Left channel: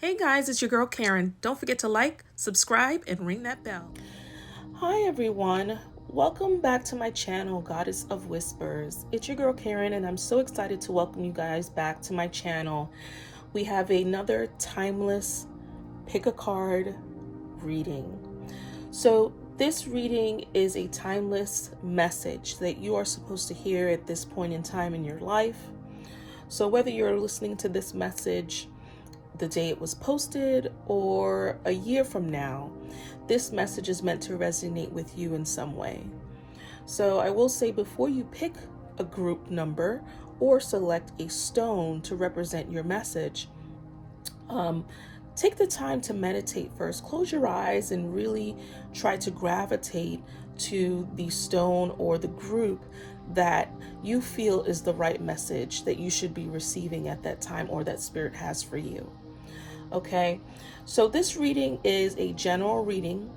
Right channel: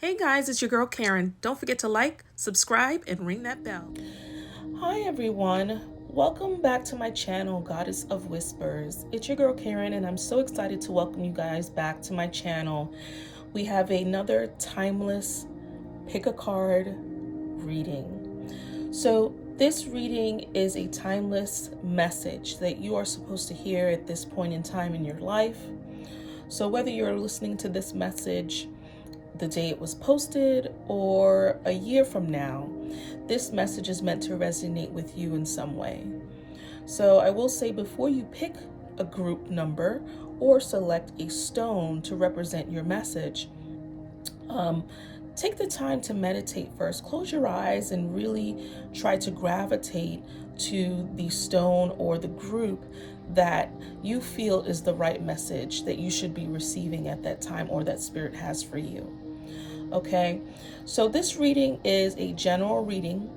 Hey guys, it's your girl Karen. Don't forget to like, subscribe, and ring that bell. Hi everyone. Welcome back to my channel, Goddess of Whispers. It's your girl Karen, and I'm so excited to welcome you guys back to my channel. We have another timeless Pickacard reading. So this reading is a timeless message that you are supposed to hear at this point in time in your life. So whether you're listening to this message the day it was posted or a year from now, this message is meant to resonate with you in some way. So I will say, before you pick a group number or select a stone to represent your message, take the time to meditate first. Close your eyes and really try to gravitate to the stone or the group that you feel is the right message that you should be receiving at that time, or that spirit has for you. Okay, so this reading is a general reading.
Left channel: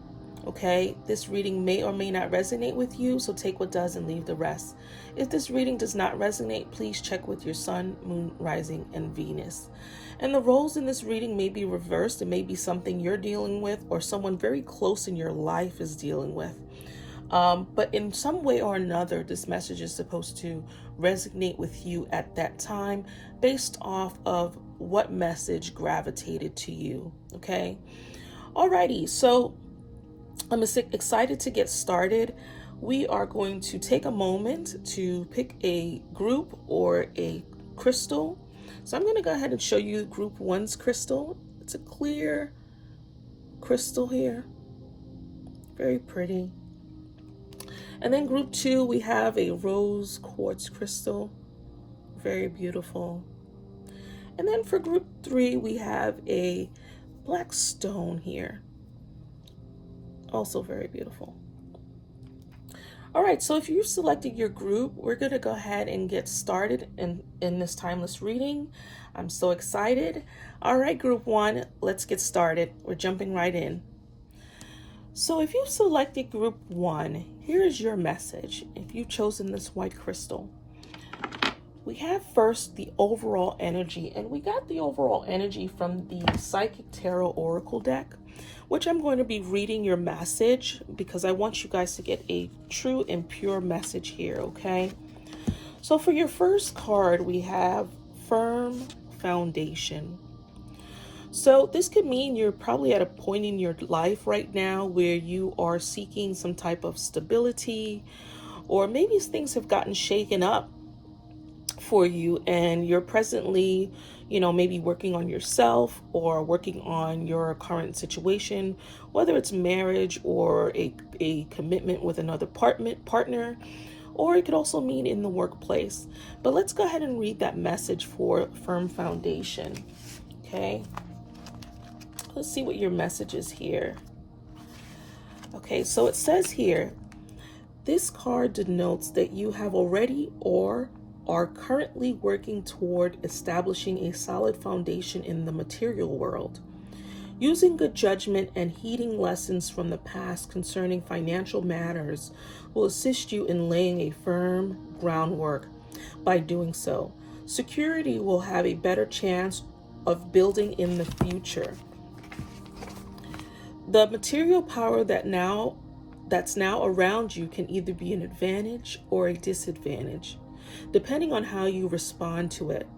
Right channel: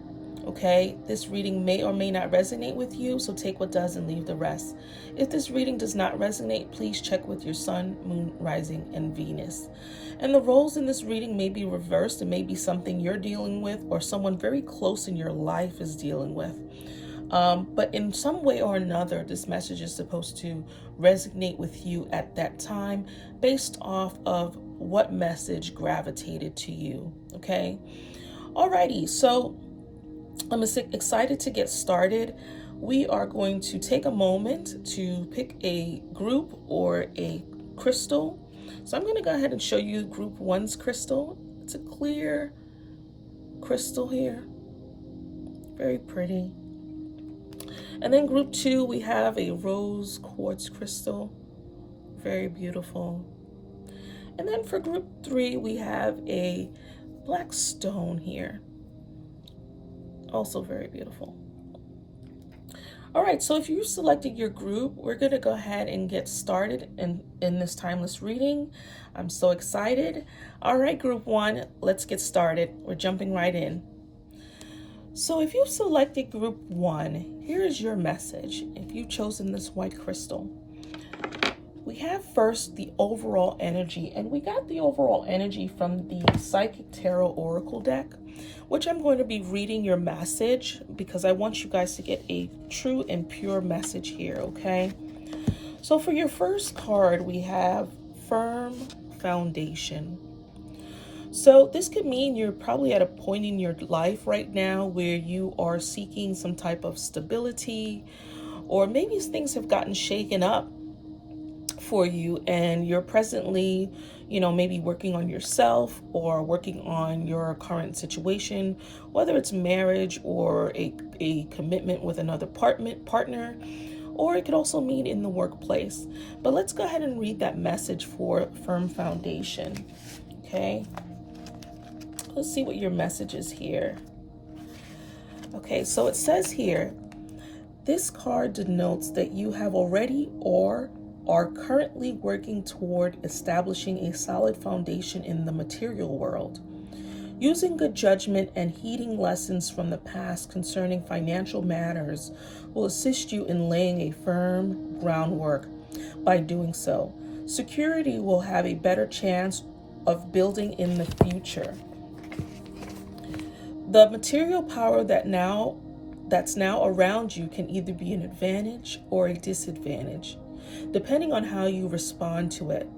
Okay, this reading may or may not resonate with you, so take what does and leave the rest. If this reading does not resonate, please check with your sun, moon, rising, and Venus. And the roles in this reading may be reversed. It may be something you're dealing with or someone very close in your life is dealing with. But in some way or another, this message is supposed to resonate with you at that time based off of what message gravitated to you. Okay. Alrighty. So I'm excited to get started. We are going to take a moment to pick a group or a crystal. So I'm going to go ahead and show you group one's crystal. It's a clear crystal here. Very pretty. And then group two, we have a rose quartz crystal. Very beautiful. And then for group three, we have a black stone here. Also very beautiful. All right, so if you selected your group, we're going to go ahead and get started in this timeless reading. I'm so excited. All right, group one, let's get started. We're jumping right in. So if you selected group one, here's your message. If you've chosen this white crystal, we have first the overall energy, and we got the overall energy from the Psychic Tarot Oracle deck, which I'm going to be reading your message because I want you guys to get a true and pure message here, okay? So for your first card, we have Firm Foundation. So this could mean you're probably at a point in your life right now where you are seeking some type of stability, or maybe things have gotten shaken up for you and you're presently, maybe working on yourself or working on your current situation, whether it's marriage or a commitment with another partner, or it could also mean in the workplace. But let's go ahead and read that message for Firm Foundation. Okay. Let's see what your message is here. Okay, so it says here, this card denotes that you have already or are currently working toward establishing a solid foundation in the material world. Using good judgment and heeding lessons from the past concerning financial matters will assist you in laying a firm groundwork. By doing so, security will have a better chance of building in the future. The material power that's now around you can either be an advantage or a disadvantage, depending on how you respond to it.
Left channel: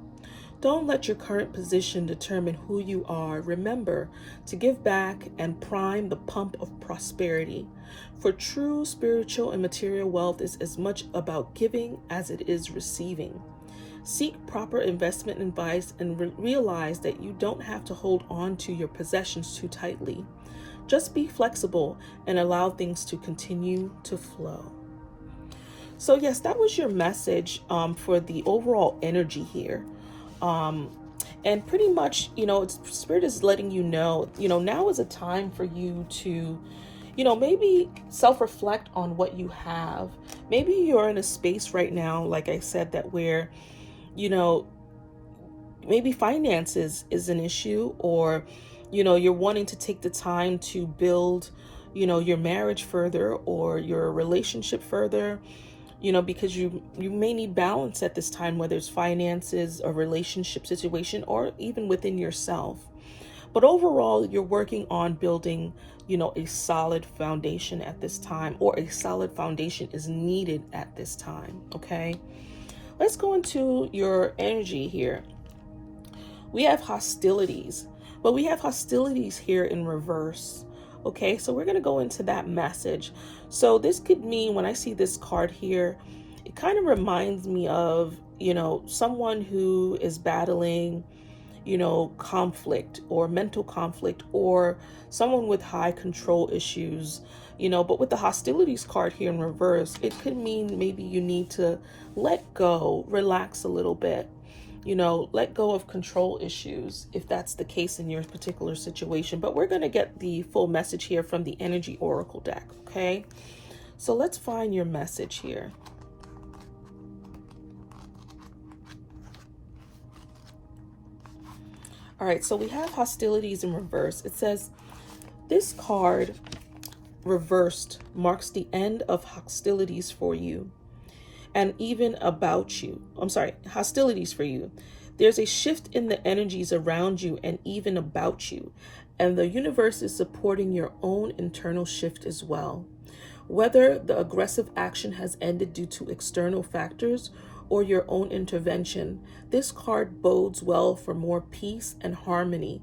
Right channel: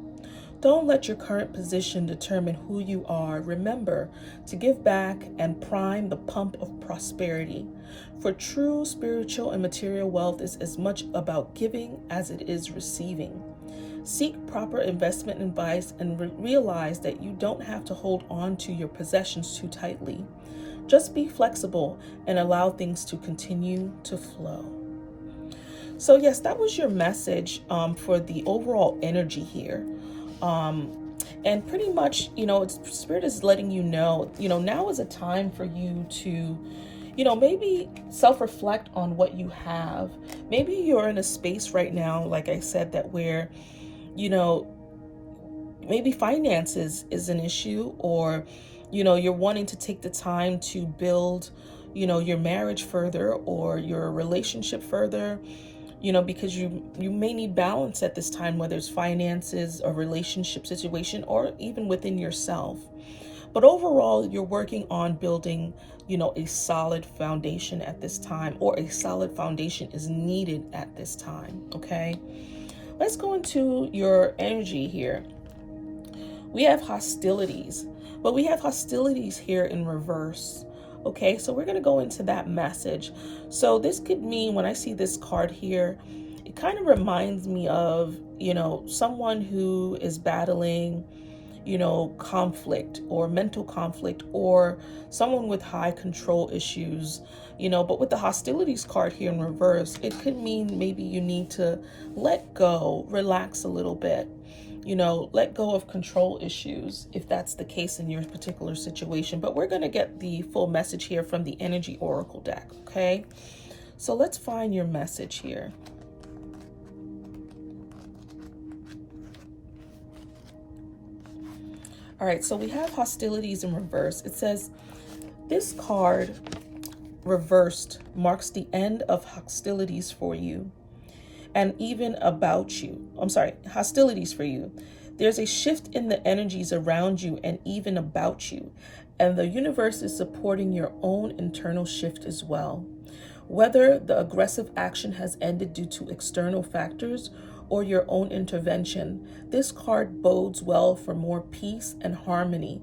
Don't let your current position determine who you are. Remember to give back and prime the pump of prosperity. For true spiritual and material wealth is as much about giving as it is receiving. Seek proper investment advice and realize that you don't have to hold on to your possessions too tightly. Just be flexible and allow things to continue to flow. So yes, that was your message for the overall energy here. And pretty much, Spirit is letting you know, now is a time for you to, maybe self-reflect on what you have. Maybe you're in a space right now, like I said, that where, maybe finances is an issue, or you're wanting to take the time to build, your marriage further or your relationship further, because you may need balance at this time, whether it's finances, a relationship situation, or even within yourself. But overall, you're working on building, a solid foundation at this time, or a solid foundation is needed at this time. Okay. Let's go into your energy here. We have hostilities, but we have hostilities here in reverse. Okay, so we're going to go into that message. So this could mean, when I see this card here, it kind of reminds me of, someone who is battling, conflict or mental conflict, or someone with high control issues, but with the hostilities card here in reverse, it could mean maybe you need to let go, relax a little bit, let go of control issues, if that's the case in your particular situation. But we're going to get the full message here from the Energy Oracle deck. Okay, so let's find your message here. All right, so we have hostilities in reverse. It says this card reversed marks the end of hostilities for you, and even about you. Hostilities for you. There's a shift in the energies around you and even about you, and the universe is supporting your own internal shift as well. Whether the aggressive action has ended due to external factors or your own intervention, this card bodes well for more peace and harmony.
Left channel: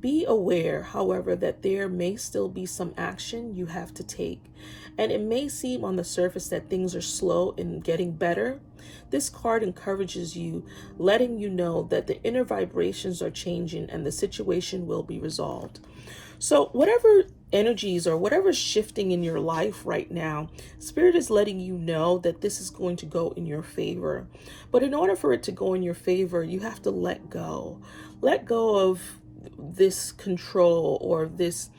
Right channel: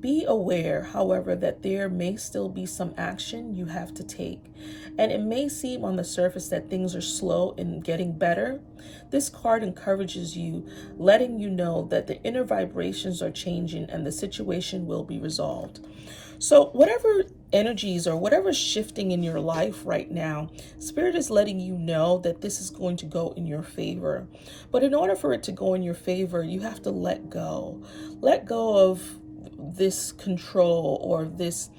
Be aware, however, that there may still be some action you have to take, and it may seem on the surface that things are slow in getting better. This card encourages you, letting you know that the inner vibrations are changing and the situation will be resolved. So whatever energies or whatever's shifting in your life right now, Spirit is letting you know that this is going to go in your favor. But in order for it to go in your favor, you have to let go. Let go of this control or this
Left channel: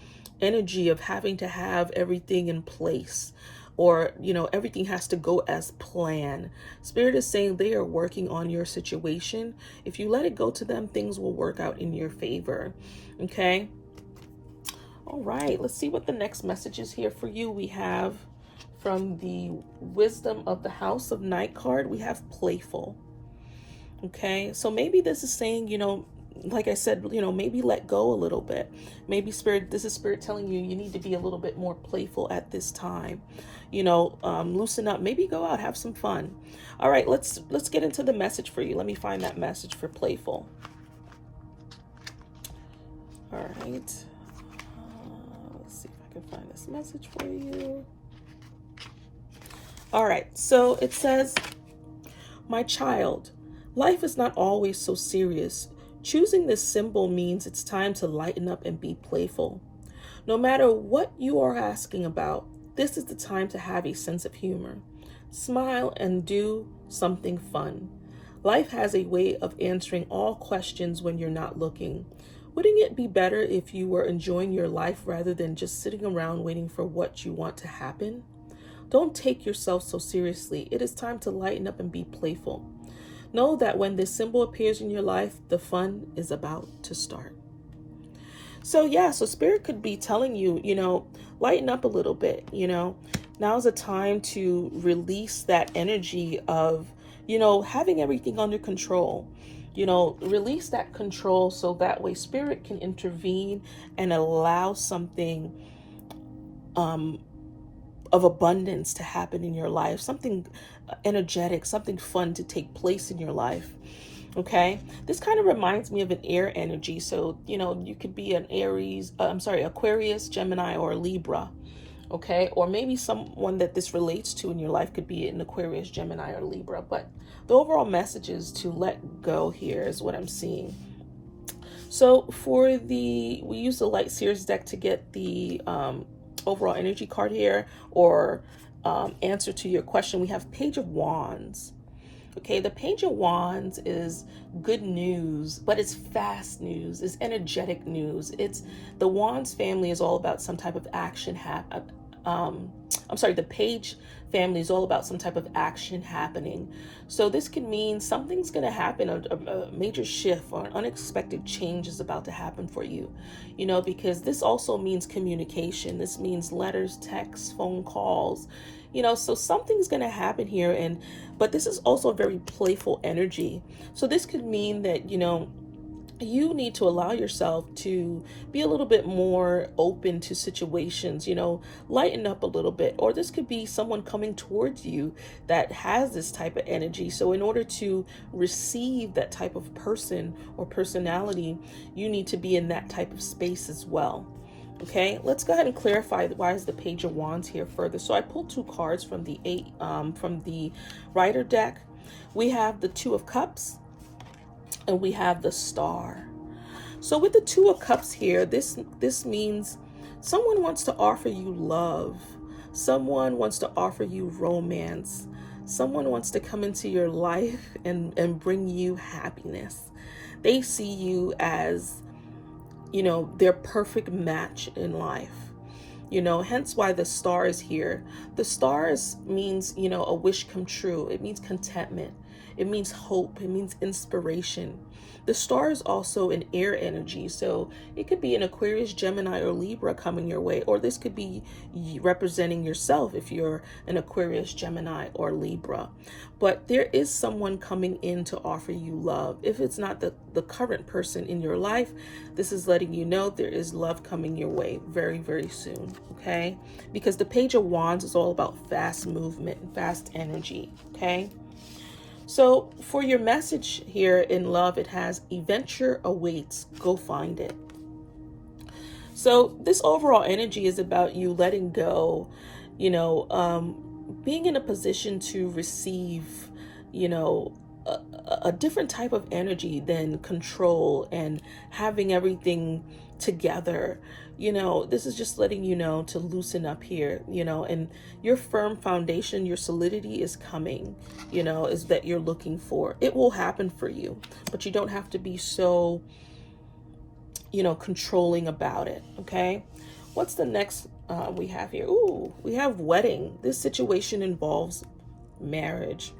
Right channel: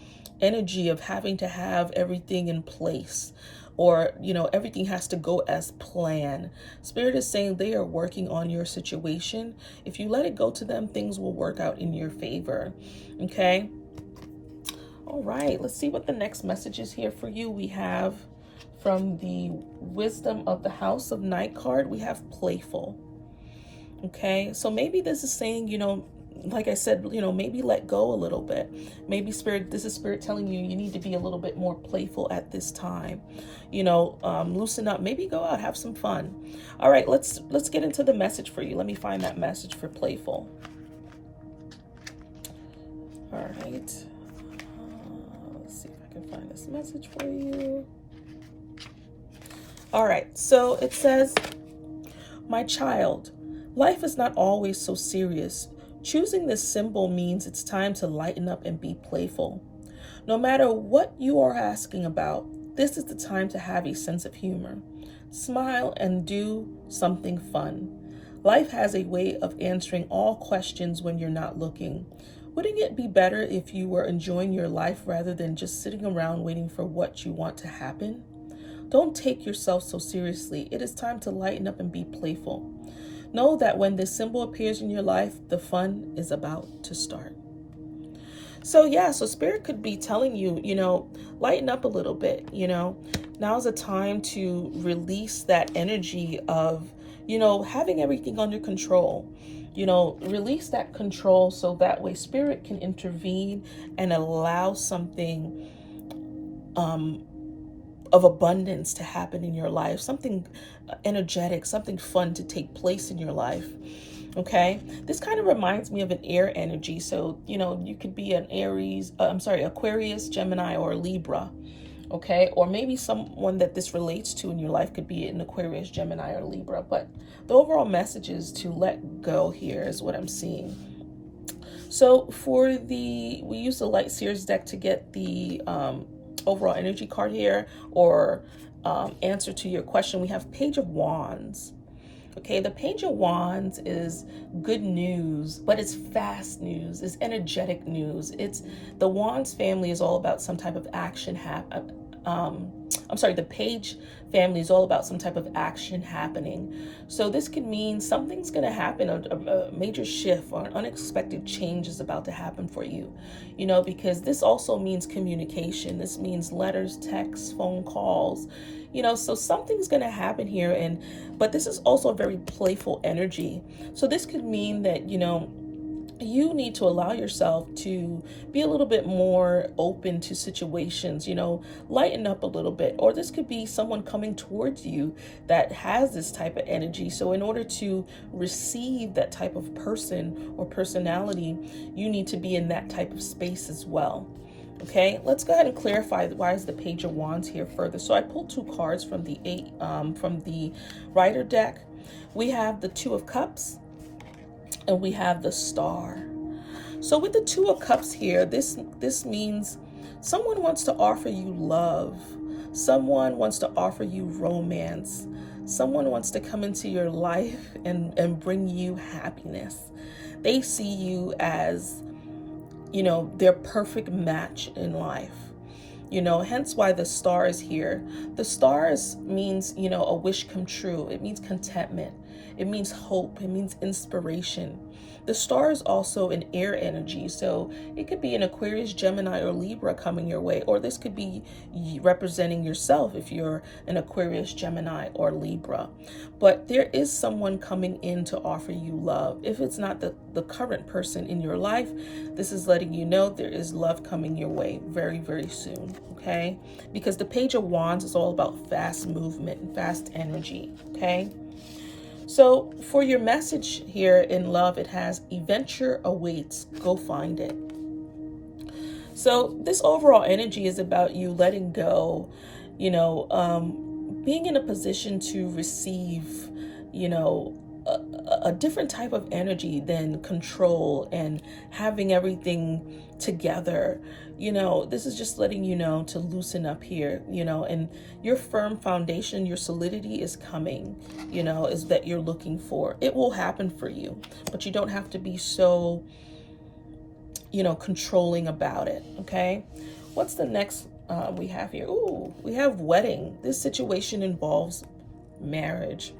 energy of having to have everything in place, or everything has to go as planned. Spirit is saying they are working on your situation. If you let it go to them, things will work out in your favor. Okay. All right, let's see what the next message is here for you. We have from the Wisdom of the House of Night card, we have playful. Okay, so maybe this is saying, like I said, maybe let go a little bit. Maybe this is Spirit telling you need to be a little bit more playful at this time. Loosen up, maybe go out, have some fun. All right, let's get into the message for you. Let me find that message for playful. All right. Let's see if I can find this message for you. All right, so it says, my child, life is not always so serious. Choosing this symbol means it's time to lighten up and be playful. No matter what you are asking about, this is the time to have a sense of humor. Smile and do something fun. Life has a way of answering all questions when you're not looking. Wouldn't it be better if you were enjoying your life rather than just sitting around waiting for what you want to happen? Don't take yourself so seriously. It is time to lighten up and be playful. Know that when this symbol appears in your life, the fun is about to start. So Spirit could be telling you, lighten up a little bit, Now's a time to release that energy of, having everything under control. Release that control so that way Spirit can intervene and allow something of abundance to happen in your life, something energetic, something fun to take place in your life. Okay, this kind of reminds me of an air energy. So, you could be an Aquarius, Gemini, or Libra. Okay, or maybe someone that this relates to in your life could be an Aquarius, Gemini, or Libra. But the overall message is to let go here is what I'm seeing. So we use the Light Seers deck to get the overall energy card here, or answer to your question. We have Page of Wands. Okay, the Page of Wands is good news, but it's fast news, it's energetic news. It's the Wands family is all about some type of action the Page family is all about some type of action happening. So this could mean something's going to happen, a major shift or an unexpected change is about to happen for you, because this also means communication. This means letters, texts, phone calls, so something's going to happen here. But this is also a very playful energy. So this could mean that, you need to allow yourself to be a little bit more open to situations, lighten up a little bit. Or this could be someone coming towards you that has this type of energy. So in order to receive that type of person or personality, you need to be in that type of space as well. Okay, let's go ahead and clarify why is the Page of Wands here further. So I pulled 2 cards from the Rider deck. We have the Two of Cups and we have the Star. So with the Two of Cups here, this means someone wants to offer you love. Someone wants to offer you romance. Someone wants to come into your life and bring you happiness. They see you as, their perfect match in life. Hence why the Star is here. The stars means, a wish come true. It means contentment. It means hope. It means inspiration. The Star is also an air energy. So it could be an Aquarius, Gemini, or Libra coming your way. Or this could be representing yourself if you're an Aquarius, Gemini, or Libra. But there is someone coming in to offer you love. If it's not the current person in your life, this is letting you know there is love coming your way very, very soon. Okay? Because the Page of Wands is all about fast movement and fast energy. Okay? So for your message here in love, it has adventure awaits. Go find it. So this overall energy is about you letting go, being in a position to receive, a different type of energy than control and having everything together. This is just letting you know to loosen up here, and your firm foundation, your solidity is coming, is that you're looking for. It will happen for you, but you don't have to be so, controlling about it. Okay. What's the next we have here? Ooh, we have wedding. This situation involves marriage.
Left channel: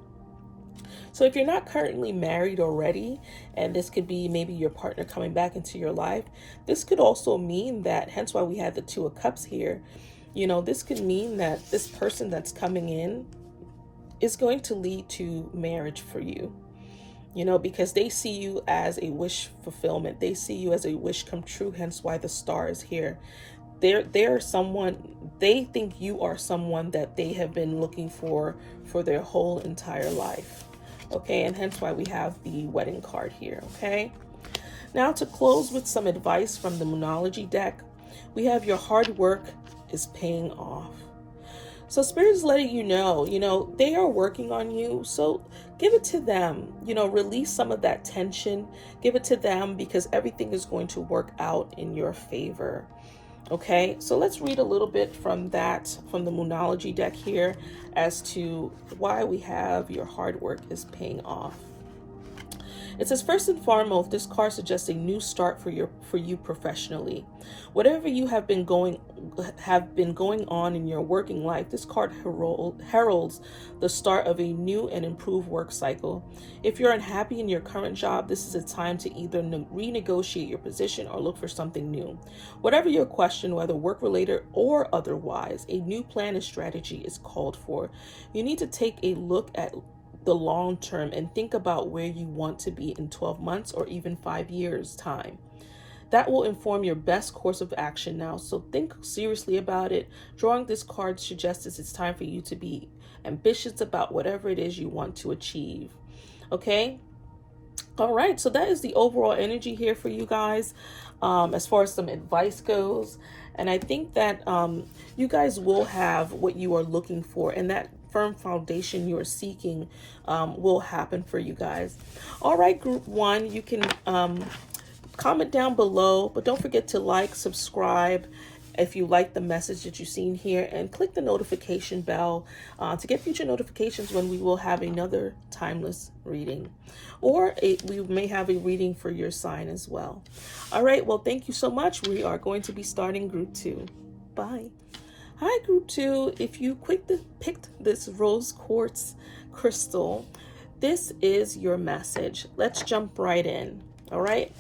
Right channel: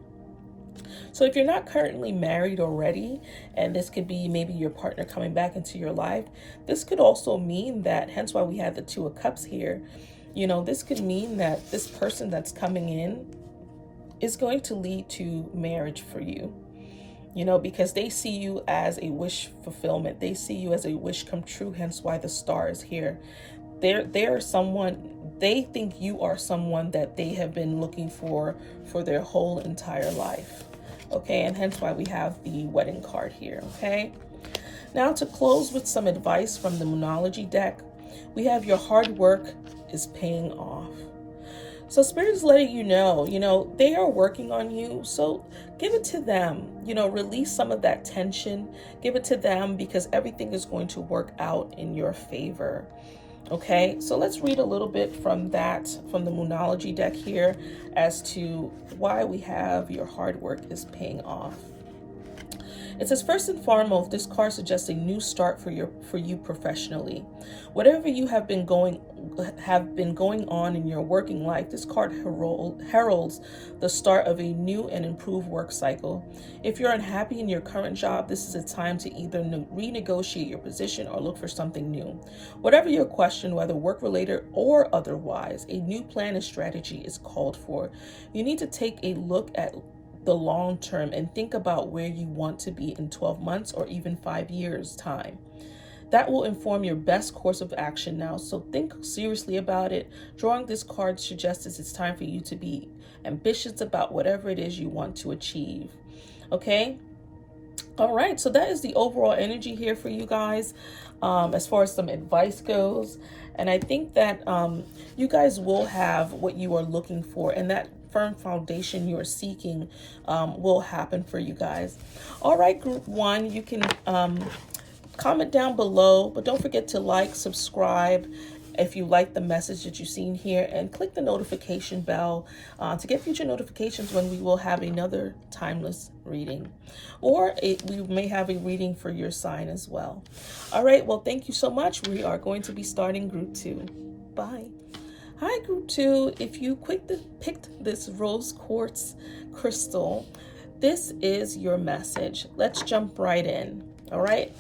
So if you're not currently married already, and this could be maybe your partner coming back into your life, this could also mean that, hence why we had the Two of Cups here, this could mean that this person that's coming in is going to lead to marriage for you, because they see you as a wish fulfillment. They see you as a wish come true, hence why the Star is here. They're someone, they think you are someone that they have been looking for their whole entire life. Okay, and hence why we have the wedding card here. Okay, now to close with some advice from the Moonology deck, we have your hard work is paying off. So Spirit is letting you know, they are working on you. So give it to them, release some of that tension, give it to them, because everything is going to work out in your favor. Okay, so let's read a little bit from the Moonology deck here as to why we have your hard work is paying off. It says, first and foremost, this card suggests a new start for you professionally. Whatever you have been going on in your working life, this card heralds the start of a new and improved work cycle. If you're unhappy in your current job, this is a time to either renegotiate your position or look for something new. Whatever your question, whether work-related or otherwise, a new plan and strategy is called for. You need to take a look at the long term and think about where you want to be in 12 months or even 5 years time. That will inform your best course of action now, so think seriously about it. Drawing this card suggests it's time for you to be ambitious about whatever it is you want to achieve. Okay, all right, so that is the overall energy here for you guys, as far as some advice goes. And I think that you guys will have what you are looking for, and that firm foundation you are seeking will happen for you guys. All right, group 1, you can comment down below, but don't forget to like, subscribe if you like the message that you've seen here, and click the notification bell to get future notifications when we will have another timeless reading, or we may have a reading for your sign as well. All right, well, thank you so much. We are going to be starting group 2. Bye. Hi, group 2. If you picked this rose quartz crystal, this is your message. Let's jump right in. All right.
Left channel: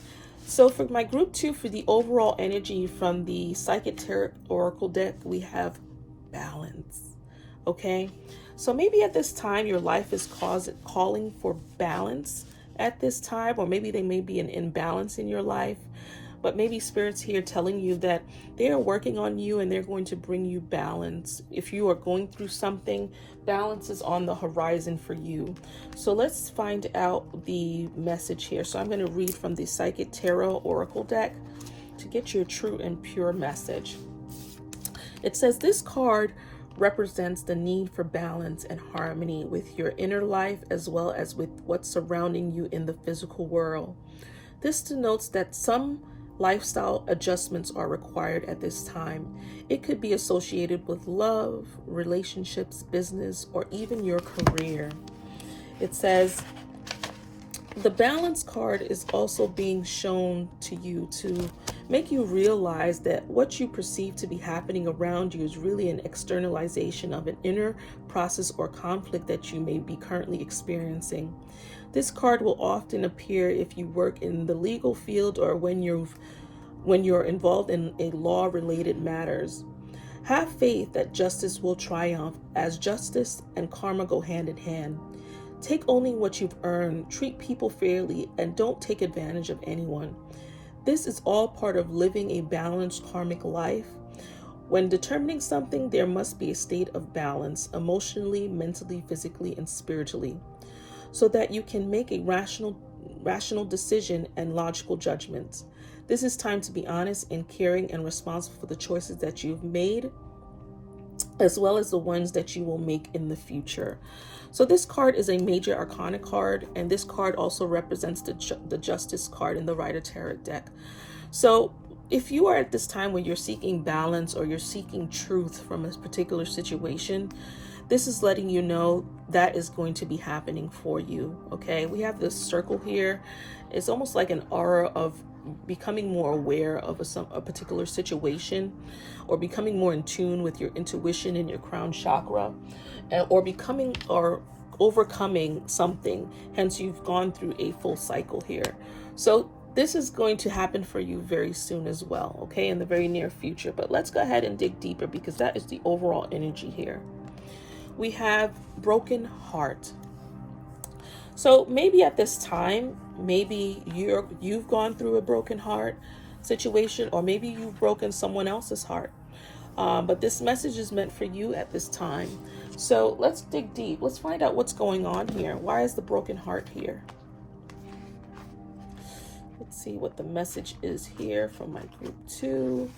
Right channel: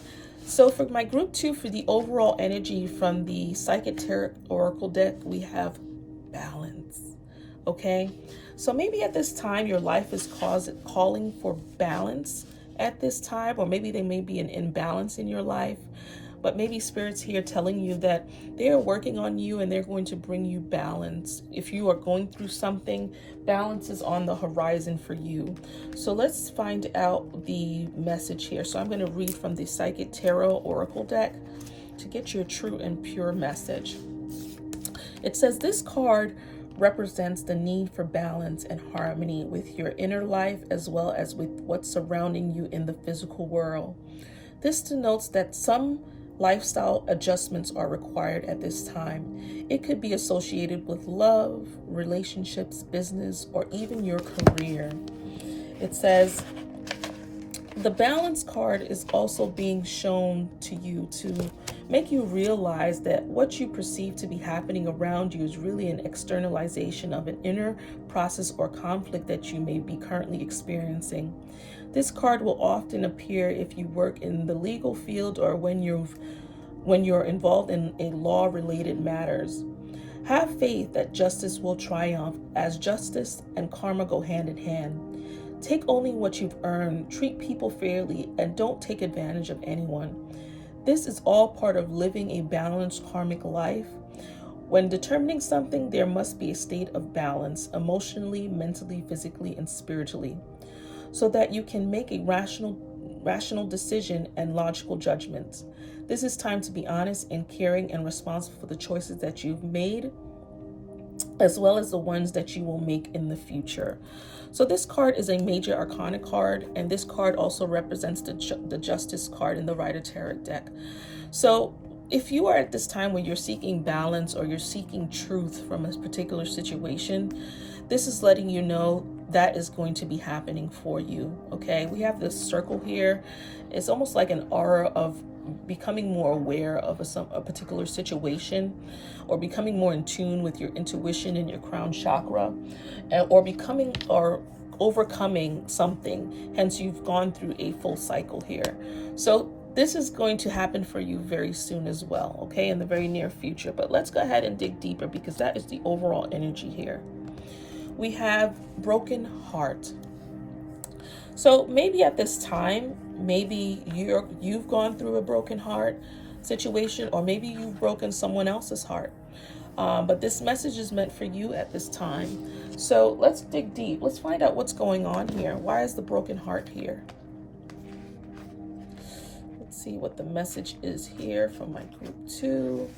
So for my group 2, for the overall energy from the Psychic Tarot Oracle deck, we have balance. Okay. So maybe at this time your life is calling for balance at this time, or maybe they may be an imbalance in your life. But maybe Spirit's here telling you that they are working on you and they're going to bring you balance. If you are going through something, balance is on the horizon for you. So let's find out the message here. So I'm going to read from the Psychic Tarot Oracle deck to get your true and pure message. It says this card represents the need for balance and harmony with your inner life as well as with what's surrounding you in the physical world. This denotes that some lifestyle adjustments are required at this time. It could be associated with love, relationships, business, or even your career. It says the balance card is also being shown to you to make you realize that what you perceive to be happening around you is really an externalization of an inner process or conflict that you may be currently experiencing. This card will often appear if you work in the legal field or when you're involved in a law-related matters. Have faith that justice will triumph, as justice and karma go hand in hand. Take only what you've earned, treat people fairly, and don't take advantage of anyone. This is all part of living a balanced karmic life. When determining something, there must be a state of balance, emotionally, mentally, physically, and spiritually, so that you can make a rational decision and logical judgments. This is time to be honest and caring and responsible for the choices that you've made, as well as the ones that you will make in the future. So this card is a major arcana card, and this card also represents the Justice card in the Rider Tarot deck. So if you are at this time where you're seeking balance or you're seeking truth from a particular situation, this is letting you know that is going to be happening for you, okay? We have this circle here. It's almost like an aura of becoming more aware of a particular situation, or becoming more in tune with your intuition and your crown chakra, or becoming or overcoming something. Hence, you've gone through a full cycle here. So this is going to happen for you very soon as well, okay, in the very near future. But let's go ahead and dig deeper, because that is the overall energy here. We have broken heart. So maybe at this time, maybe you've gone through a broken heart situation, or maybe you've broken someone else's heart. But this message is meant for you at this time. So let's dig deep. Let's find out what's going on here. Why is the broken heart here? Let's see what the message is here from my group 2.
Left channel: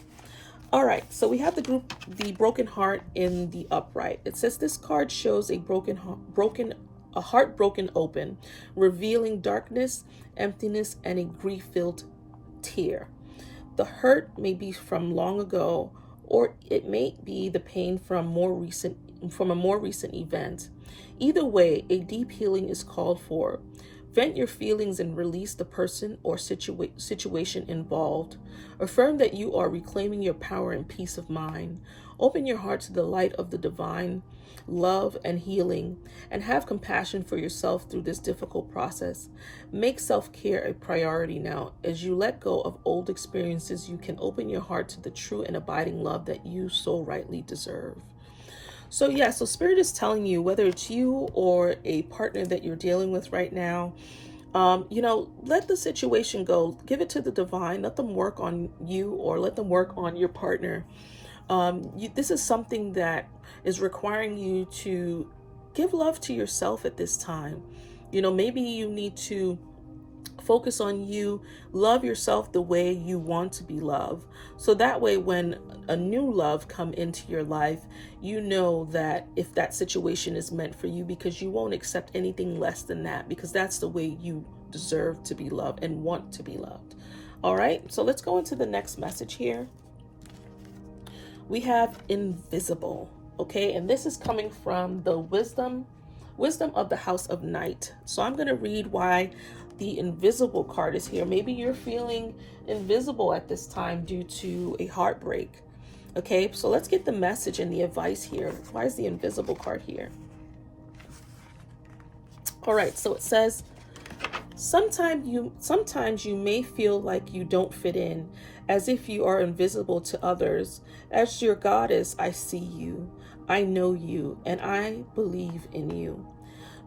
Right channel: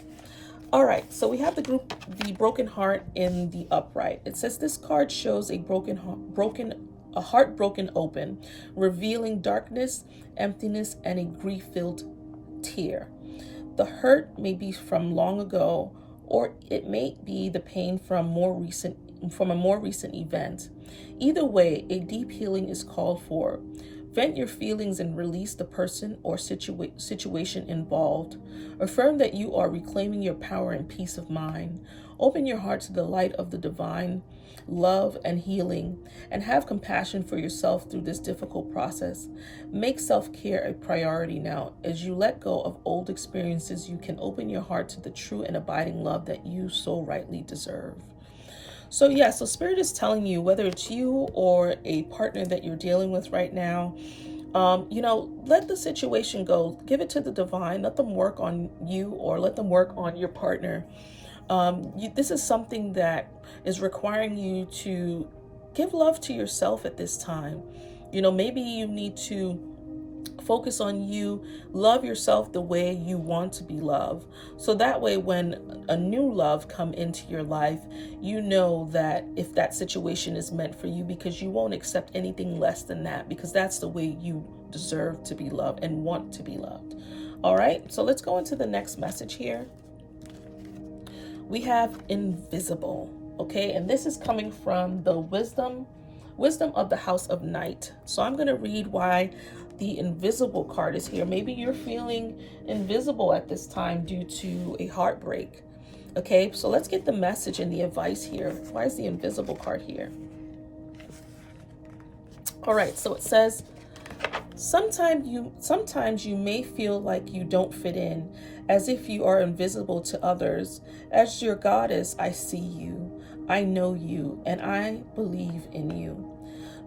All right, so we have the broken heart in the upright. It says this card shows a heart broken open, revealing darkness, emptiness, and a grief-filled tear. The hurt may be from long ago, or it may be the pain from a more recent event. Either way, a deep healing is called for. Vent your feelings and release the person or situation involved. Affirm that you are reclaiming your power and peace of mind. Open your heart to the light of the divine love and healing, and have compassion for yourself through this difficult process. Make self-care a priority now. As you let go of old experiences, you can open your heart to the true and abiding love that you so rightly deserve. So yeah, so Spirit is telling you, whether it's you or a partner that you're dealing with right now, let the situation go. Give it to the divine. Let them work on you, or let them work on your partner. This is something that is requiring you to give love to yourself at this time. Maybe you need to focus on you, love yourself the way you want to be loved. So that way, when a new love come into your life, you know that if that situation is meant for you, because you won't accept anything less than that, because that's the way you deserve to be loved and want to be loved. All right, so let's go into the next message here. We have invisible, okay? And this is coming from the wisdom of the House of Night. So I'm going to read why the invisible card is here. Maybe you're feeling invisible at this time due to a heartbreak. Okay, so let's get the message and the advice here. Why is the invisible card here? All right, so it says, sometimes you may feel like you don't fit in, as if you are invisible to others. As your goddess, I see you, I know you, and I believe in you.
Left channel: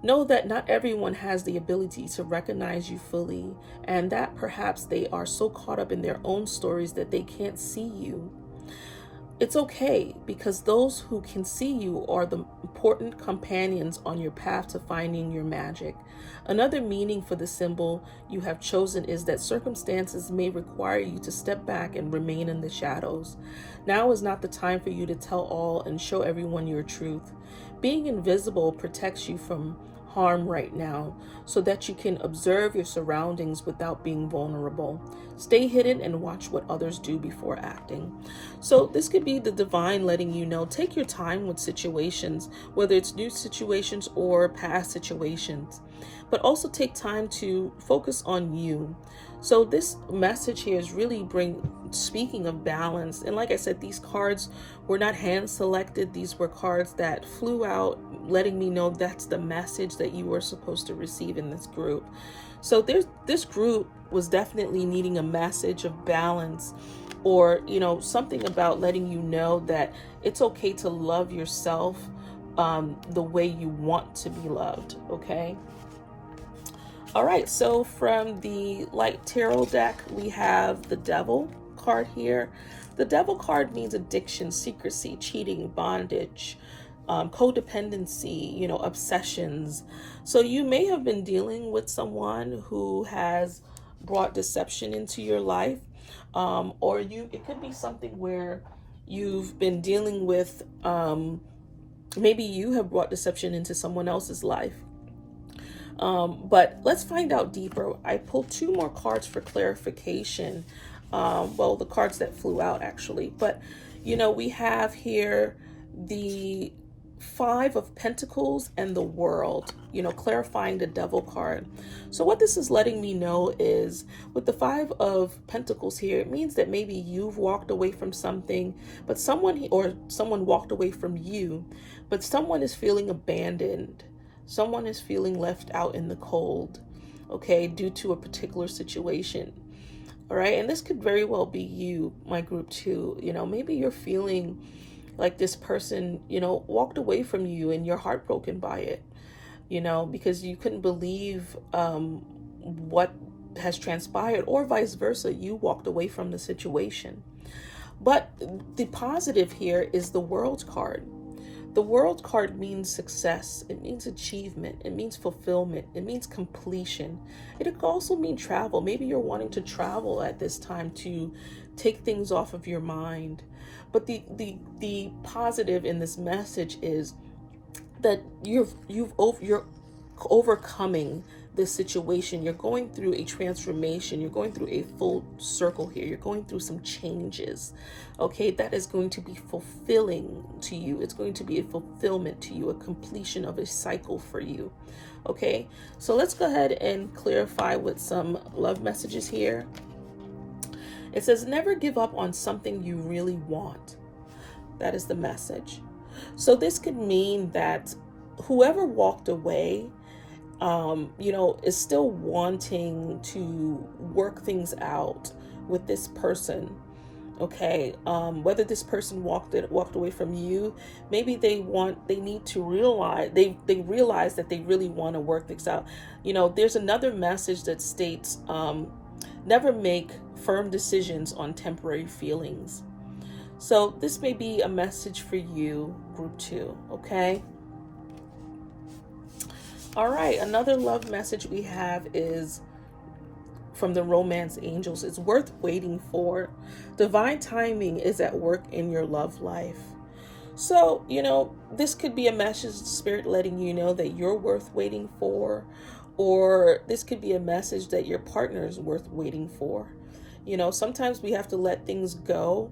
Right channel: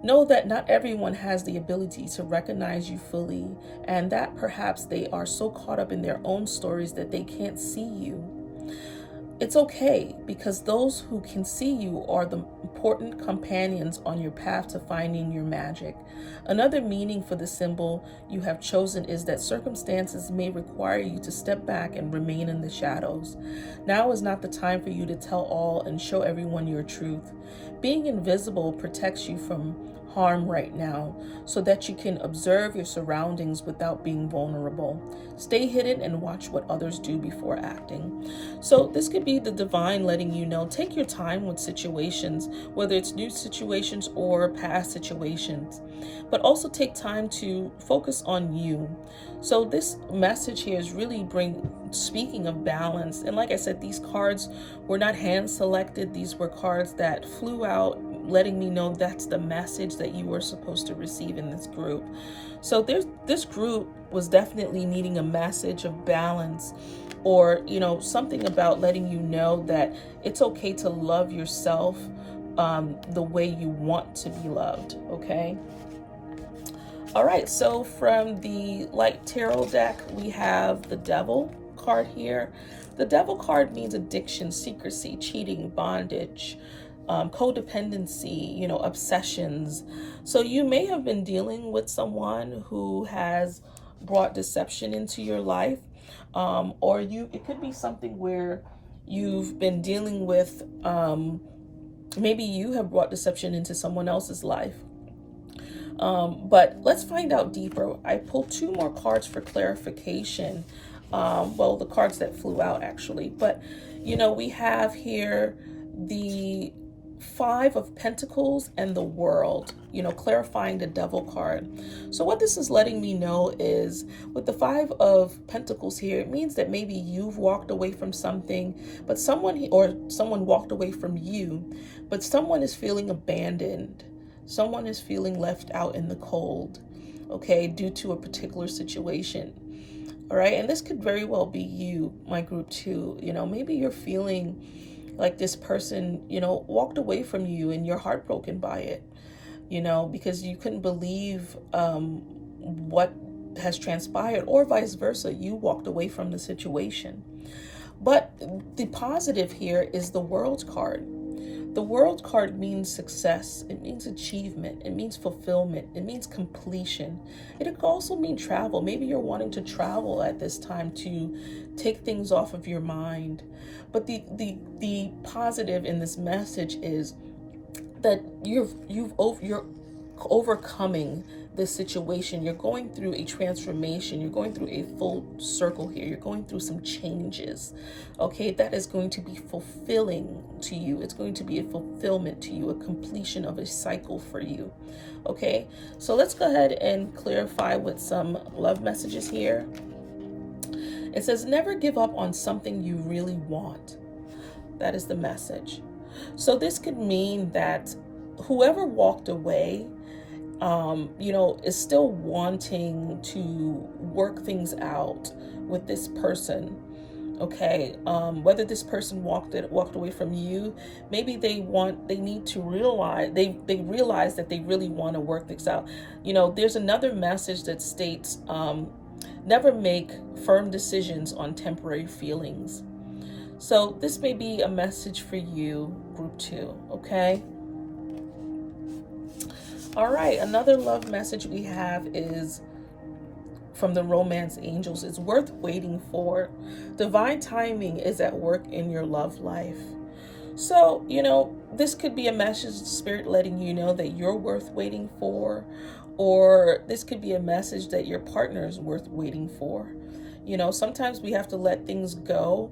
Know that not everyone has the ability to recognize you fully, and that perhaps they are so caught up in their own stories that they can't see you. It's okay, because those who can see you are the important companions on your path to finding your magic. Another meaning for the symbol you have chosen is that circumstances may require you to step back and remain in the shadows. Now is not the time for you to tell all and show everyone your truth. Being invisible protects you from harm right now, so that you can observe your surroundings without being vulnerable. Stay hidden and watch what others do before acting. So this could be the divine letting you know, take your time with situations, whether it's new situations or past situations, but also take time to focus on you. So this message here is really speaking of balance. And like I said, these cards were not hand selected. These were cards that flew out, letting me know that's the message that you were supposed to receive in this group. So this group was definitely needing a message of balance, or something about letting you know that it's okay to love yourself the way you want to be loved. Okay. All right, so from the Light Tarot deck, we have the Devil card here. The Devil card means addiction, secrecy, cheating, bondage, codependency, obsessions. So you may have been dealing with someone who has brought deception into your life, or it could be something where you've been dealing with, maybe you have brought deception into someone else's life. But let's find out deeper. I pulled 2 more cards for clarification. Well, the cards that flew out actually, but we have here the 5 of Pentacles and the World, clarifying the Devil card. So what this is letting me know is, with the 5 of Pentacles here, it means that maybe you've walked away from something, but someone walked away from you, but someone is feeling abandoned. Someone is feeling left out in the cold, okay, due to a particular situation. All right, and this could very well be you, my group too. Maybe you're feeling like this person, walked away from you and you're heartbroken by it, because you couldn't believe what has transpired, or vice versa, you walked away from the situation. But the positive here is the World card. The World card means success. It means achievement. It means fulfillment. It means completion. It could also mean travel. Maybe you're wanting to travel at this time to take things off of your mind. But the positive in this message is that you're overcoming this situation. You're going through a transformation. You're going through a full circle here. You're going through some changes. Okay, that is going to be fulfilling to you. It's going to be a fulfillment to you, a completion of a cycle for you. Okay, so let's go ahead and clarify with some love messages here. It says, never give up on something you really want. That is the message. So this could mean that whoever walked away, is still wanting to work things out with this person. Okay, whether this person walked away from you, maybe they need to realize they realize that they really want to work things out. There's another message that states, never make firm decisions on temporary feelings. So this may be a message for you, group 2. Okay. All right, another love message we have is from the Romance Angels. It's worth waiting for. Divine timing is at work in your love life. So, this could be a message, Spirit letting you know that you're worth waiting for, or this could be a message that your partner is worth waiting for. Sometimes we have to let things go,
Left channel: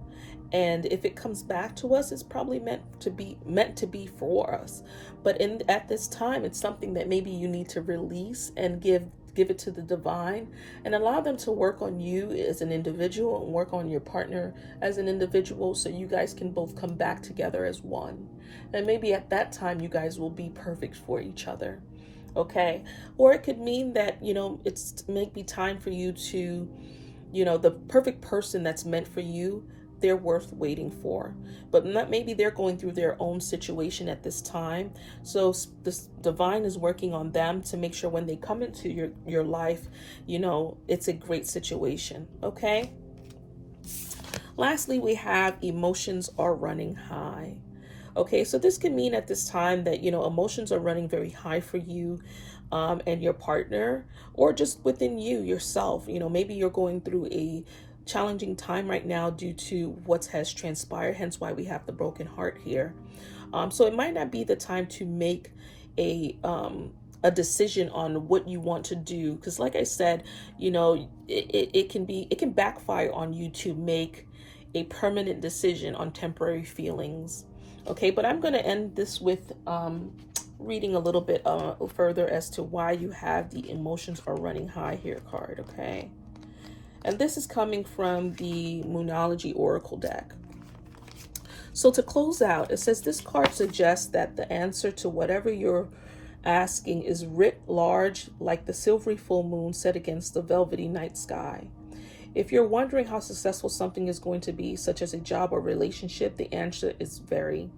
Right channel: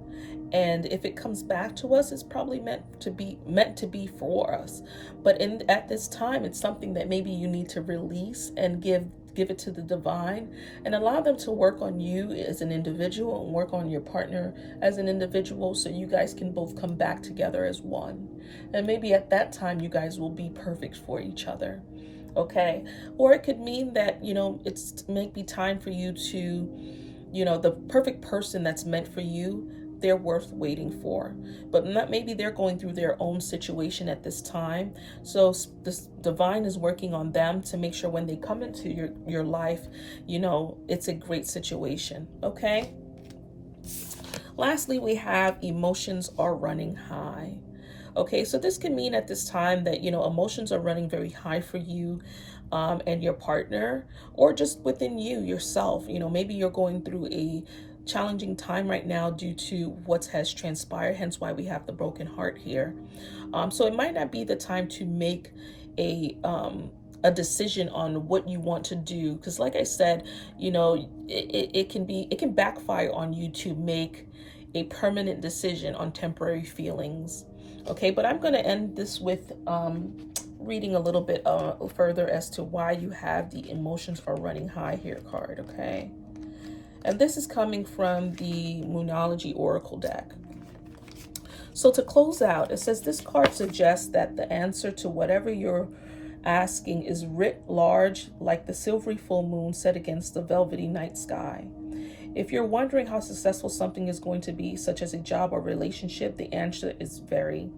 and if it comes back to us, it's probably meant to be for us. But at this time, it's something that maybe you need to release and give it to the divine, and allow them to work on you as an individual and work on your partner as an individual, so you guys can both come back together as one. And maybe at that time, you guys will be perfect for each other. Okay, or it could mean that it's maybe time for you to, the perfect person that's meant for you they're worth waiting for. But not, maybe they're going through their own situation at this time. So this divine is working on them to make sure when they come into your life, you know, it's a great situation. Okay. Lastly, we have emotions are running high. Okay, so this can mean at this time that, you know, emotions are running very high for you and your partner, or just within you yourself. You know, maybe you're going through a challenging time right now due to what has transpired, hence why we have the broken heart here. So it might not be the time to make a decision on what you want to do, because like I said, you know, it can backfire on you to make a permanent decision on temporary feelings. Okay, but I'm going to end this with reading a little bit further as to why you have the emotions are running high here card. Okay, and this is coming from the Moonology Oracle deck. So to close out, it says this card suggests that the answer to whatever you're asking is writ large like the silvery full moon set against the velvety night sky. If you're wondering how successful something is going to be, such as a job or relationship, the answer is very.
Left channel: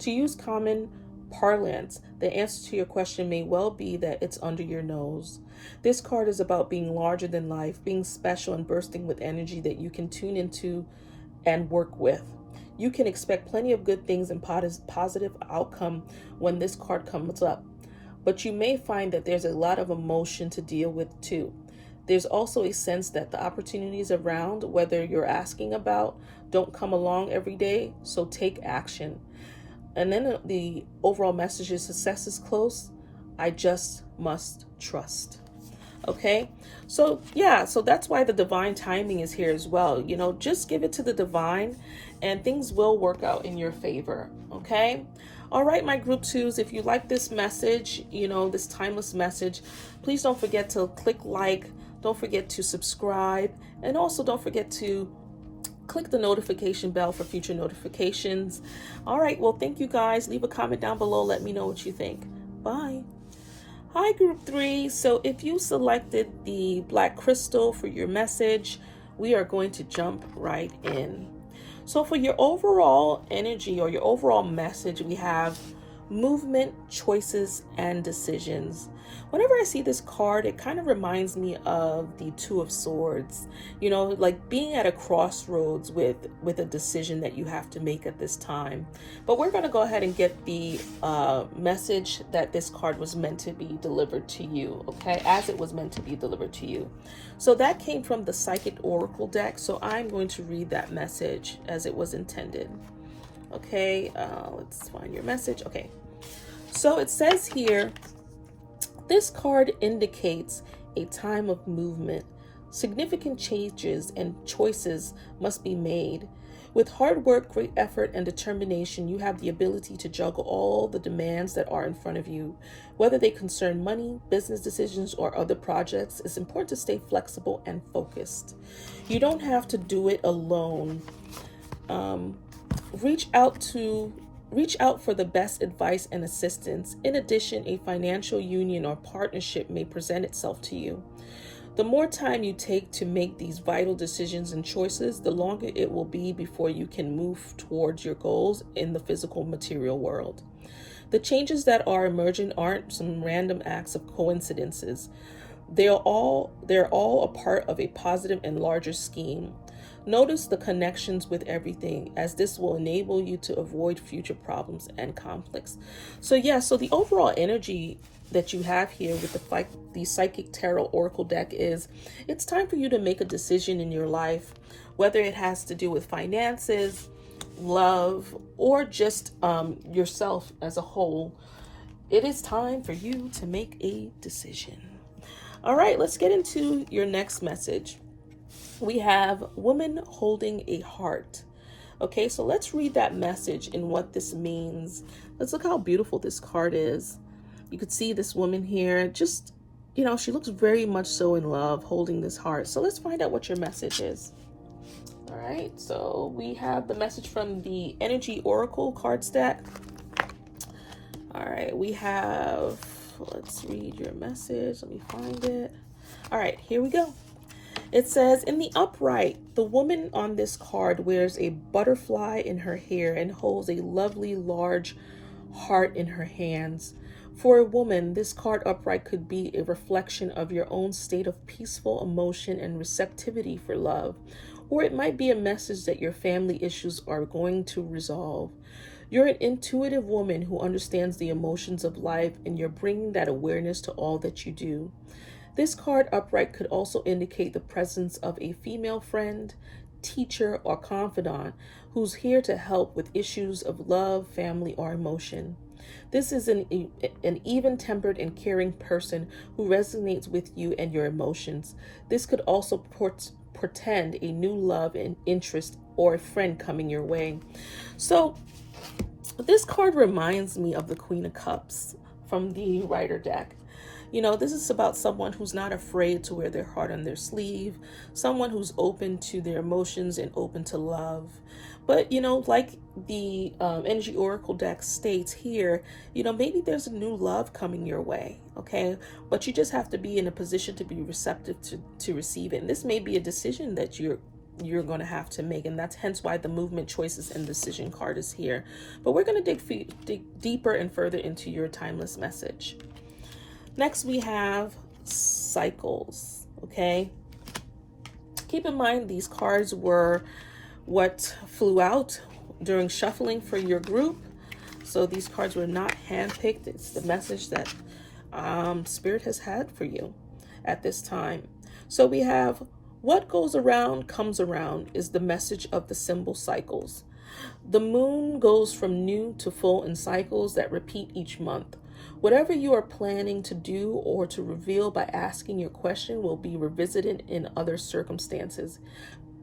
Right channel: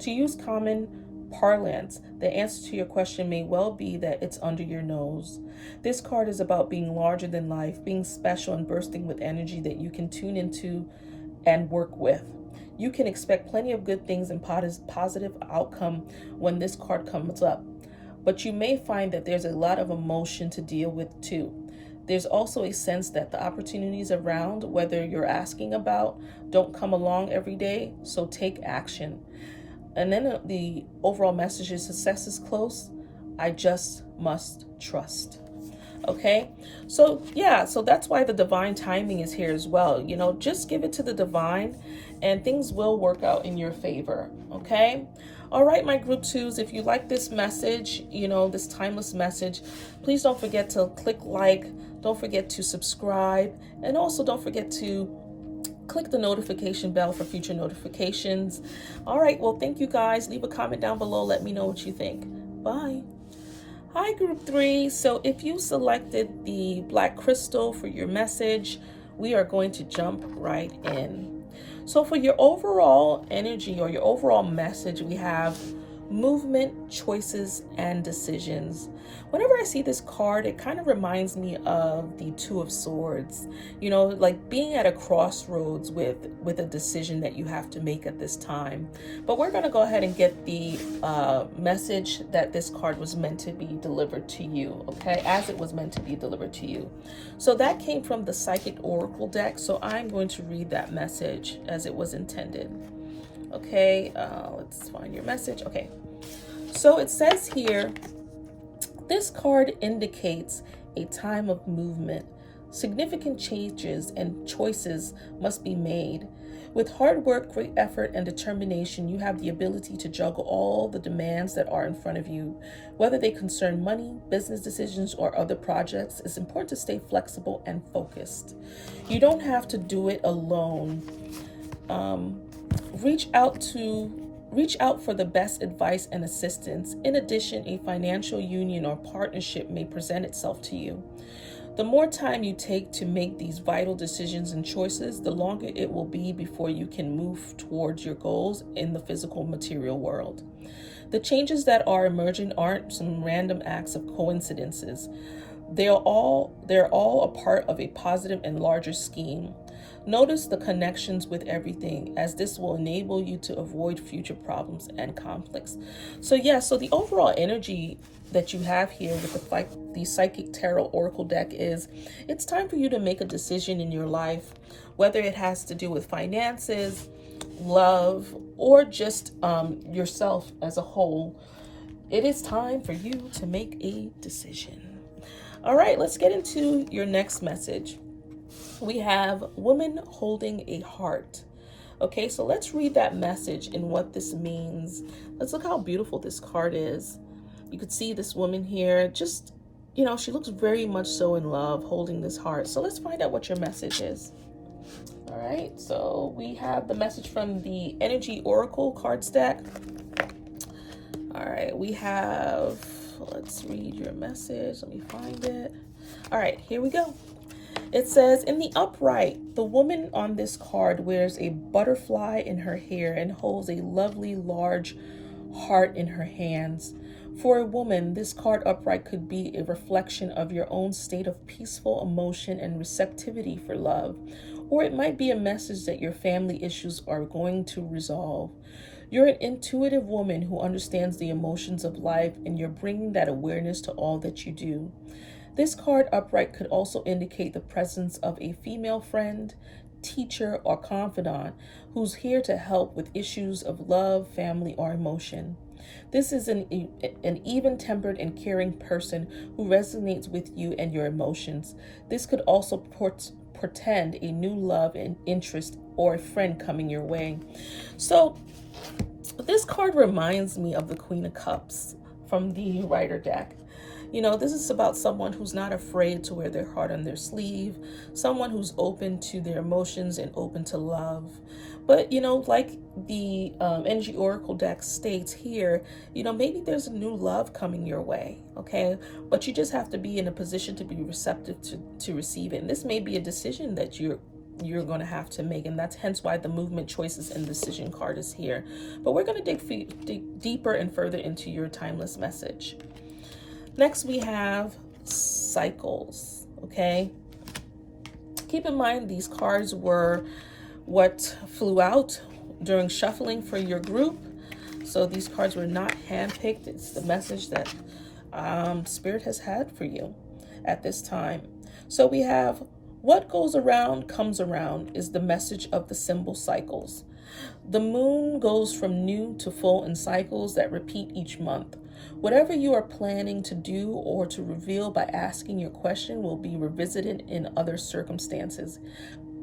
To use common parlance, the answer to your question may well be that it's under your nose. This card is about being larger than life, being special and bursting with energy that you can tune into and work with. You can expect plenty of good things and positive outcome when this card comes up, but you may find that there's a lot of emotion to deal with too. There's also a sense that the opportunities around, whether you're asking about, don't come along every day, so take action. And then the overall message is success is close. I just must trust. Okay, so yeah, so that's why the divine timing is here as well. You know, just give it to the divine and things will work out in your favor. Okay. All right, my group twos, if you like this message, you know, this timeless message, please don't forget to click like, don't forget to subscribe, and also don't forget to click the notification bell for future notifications. All right, well, thank you guys. Leave a comment down below. Let me know what you think. Bye. Hi, group three. So if you selected the black crystal for your message, we are going to jump right in. So for your overall energy or your overall message, we have movement, choices, and decisions. Whenever I see this card, it kind of reminds me of the Two of Swords, you know, like being at a crossroads with a decision that you have to make at this time. But we're going to go ahead and get the message that this card was meant to be delivered to you, okay, as it was meant to be delivered to you. So that came from the Psychic Oracle deck, so I'm going to read that message as it was intended. Okay, let's find your message. Okay, so it says here, this card indicates a time of movement. Significant changes and choices must be made. With hard work, great effort, and determination, you have the ability to juggle all the demands that are in front of you. Whether they concern money, business decisions, or other projects, it's important to stay flexible and focused. You don't have to do it alone. Reach out for the best advice and assistance. In addition, a financial union or partnership may present itself to you. The more time you take to make these vital decisions and choices, the longer it will be before you can move towards your goals in the physical material world. The changes that are emerging aren't some random acts of coincidences. They're all a part of a positive and larger scheme. Notice the connections with everything, as this will enable you to avoid future problems and conflicts. So yeah, so the overall energy that you have here with the Psychic Tarot Oracle deck is, it's time for you to make a decision in your life, whether it has to do with finances, love, or just yourself as a whole. It is time for you to make a decision. All right, let's get into your next message. We have woman holding a heart. Okay, so let's read that message and what this means. Let's look how beautiful this card is. You could see this woman here, just, you know, she looks very much so in love, holding this heart. So let's find out what your message is. All right, so we have the message from the Energy Oracle card stack. All right, we have, let's read your message. Let me find it. All right, here we go. It says, in the upright, the woman on this card wears a butterfly in her hair and holds a lovely large heart in her hands. For a woman, this card upright could be a reflection of your own state of peaceful emotion and receptivity for love, or it might be a message that your family issues are going to resolve. You're an intuitive woman who understands the emotions of life, and you're bringing that awareness to all that you do. This card upright could also indicate the presence of a female friend, teacher, or confidant who's here to help with issues of love, family, or emotion. This is an even-tempered and caring person who resonates with you and your emotions. This could also portend a new love and interest or a friend coming your way. So this card reminds me of the Queen of Cups from the Rider deck. You know, this is about someone who's not afraid to wear their heart on their sleeve, someone who's open to their emotions and open to love. But, you know, like the Energy Oracle deck states here, you know, maybe there's a new love coming your way, okay? But you just have to be in a position to be receptive to receive it. And this may be a decision that you're going to have to make, and that's hence why the movement, choices, and decision card is here. But we're going to dig deeper and further into your timeless message. Next, we have cycles, okay? Keep in mind, these cards were what flew out during shuffling for your group. So these cards were not handpicked. It's the message that Spirit has had for you at this time. So we have, what goes around comes around is the message of the symbol cycles. The moon goes from new to full in cycles that repeat each month. Whatever you are planning to do or to reveal by asking your question will be revisited in other circumstances.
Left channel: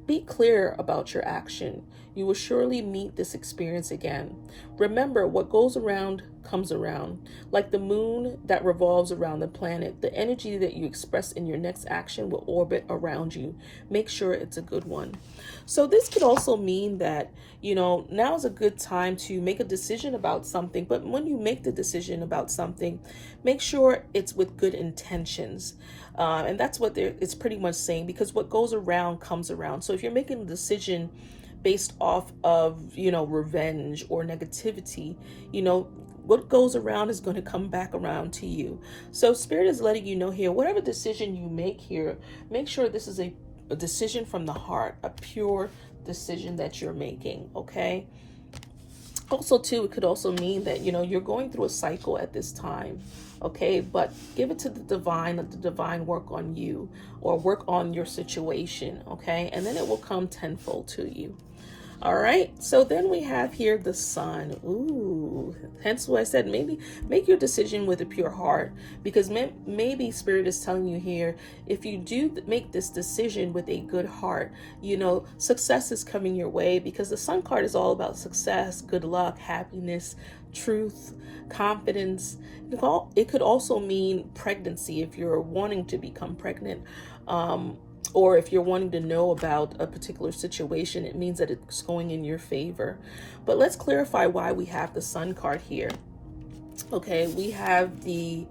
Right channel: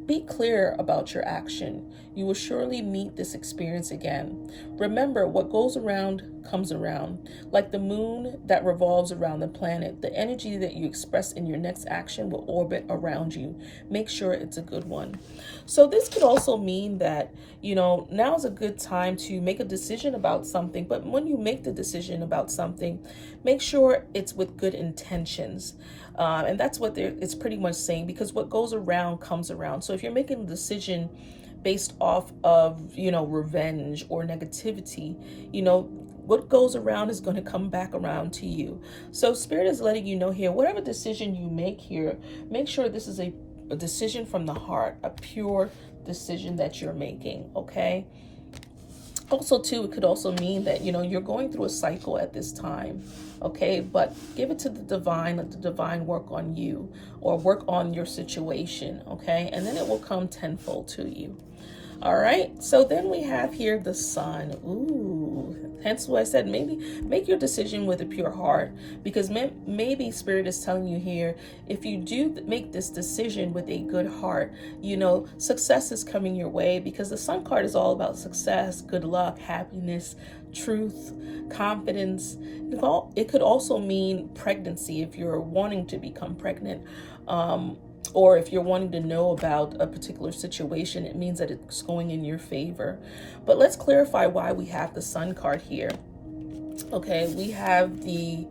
Be clear about your action. You will surely meet this experience again. Remember, what goes around comes around. Like the moon that revolves around the planet, the energy that you express in your next action will orbit around you. Make sure it's a good one. So this could also mean that, you know, now is a good time to make a decision about something. But when you make the decision about something, make sure it's with good intentions. And that's what it's pretty much saying, because what goes around comes around. So if you're making a decision based off of, you know, revenge or negativity, you know, what goes around is going to come back around to you. So Spirit is letting you know here, whatever decision you make here, make sure this is a decision from the heart, a pure decision that you're making, okay? Also, too, it could also mean that, you know, you're going through a cycle at this time, okay? But give it to the divine, let the divine work on you or work on your situation, okay? And then it will come tenfold to you. All right, so then we have here the sun. Ooh, hence what I said, maybe make your decision with a pure heart, because maybe Spirit is telling you here, if you do make this decision with a good heart, you know, success is coming your way, because the sun card is all about success, good luck, happiness, truth, confidence. It could also mean pregnancy if you're wanting to become pregnant. Or if you're wanting to know about a particular situation, it means that it's going in your favor. But let's clarify why we have the Sun card here. Okay, we have the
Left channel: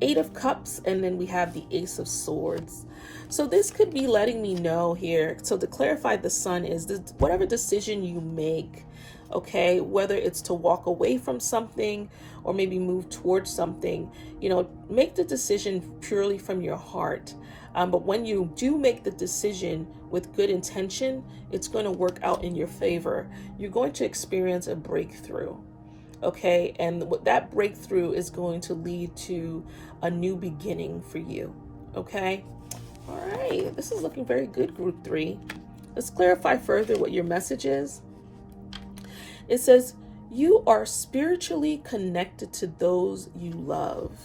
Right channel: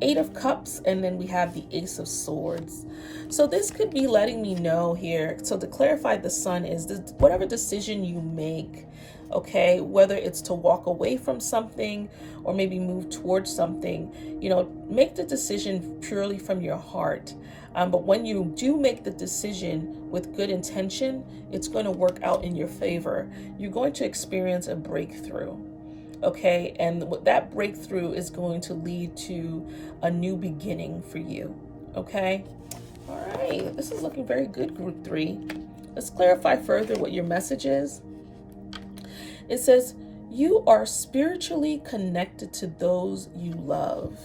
Eight of Cups, and then we have the Ace of Swords. So this could be letting me know here. So to clarify, the Sun is whatever decision you make, okay, whether it's to walk away from something or maybe move towards something, you know, make the decision purely from your heart. But when you do make the decision with good intention, it's going to work out in your favor. You're going to experience a breakthrough, okay? And that breakthrough is going to lead to a new beginning for you, okay? All right, this is looking very good, Group 3. Let's clarify further what your message is. It says, you are spiritually connected to those you love.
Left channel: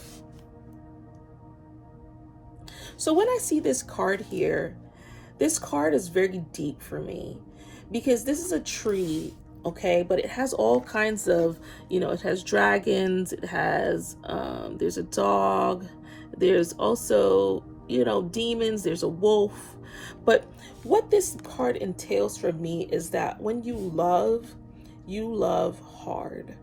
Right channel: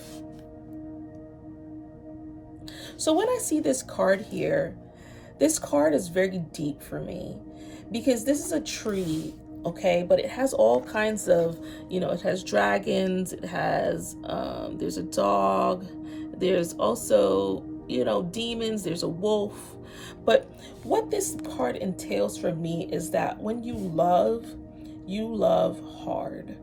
So when I see this card here, this card is very deep for me, because this is a tree, okay, but it has all kinds of, you know, it has dragons, it has, there's a dog, there's also, you know, demons, there's a wolf. But what this card entails for me is that when you love hard.